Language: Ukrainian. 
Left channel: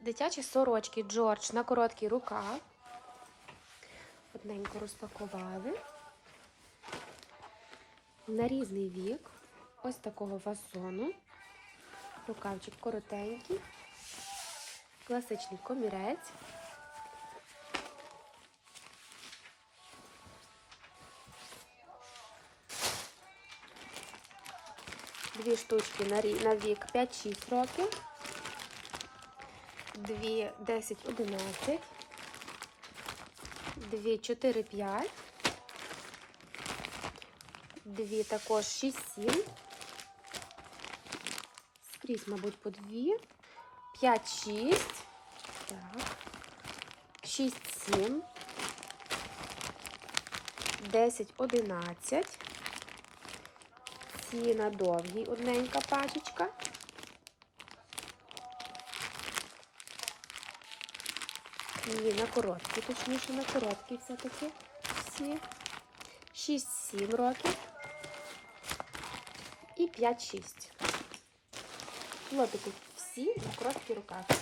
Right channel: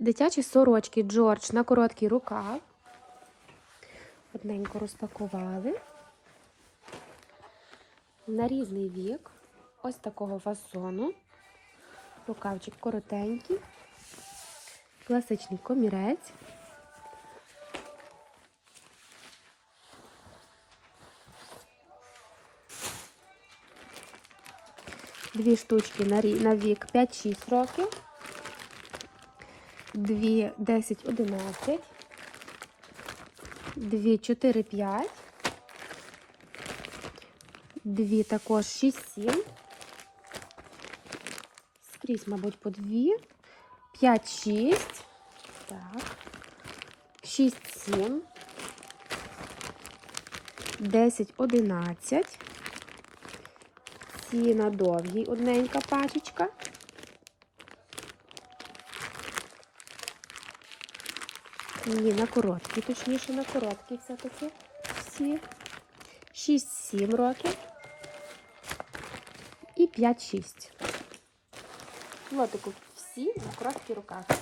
Дитячі сорочки Джордж на короткий рукав. Одненько розпакували. На різний вік. Ось такого фасону. Рукавчик коротенький. Класичний комірець. Дві штучки на, вік 5-6 років. Дві 10-11. Дві 4-5. Дві також 6-7. Скрізь, мабуть, по дві. 5-6. Так. 6-7. 10-11. Ці на довгій одненька пачечка. Ні, на короткі, точніше, на короткі все-таки всі. 6-7 років і 5-6. Лотику всі на короткі рукавчики.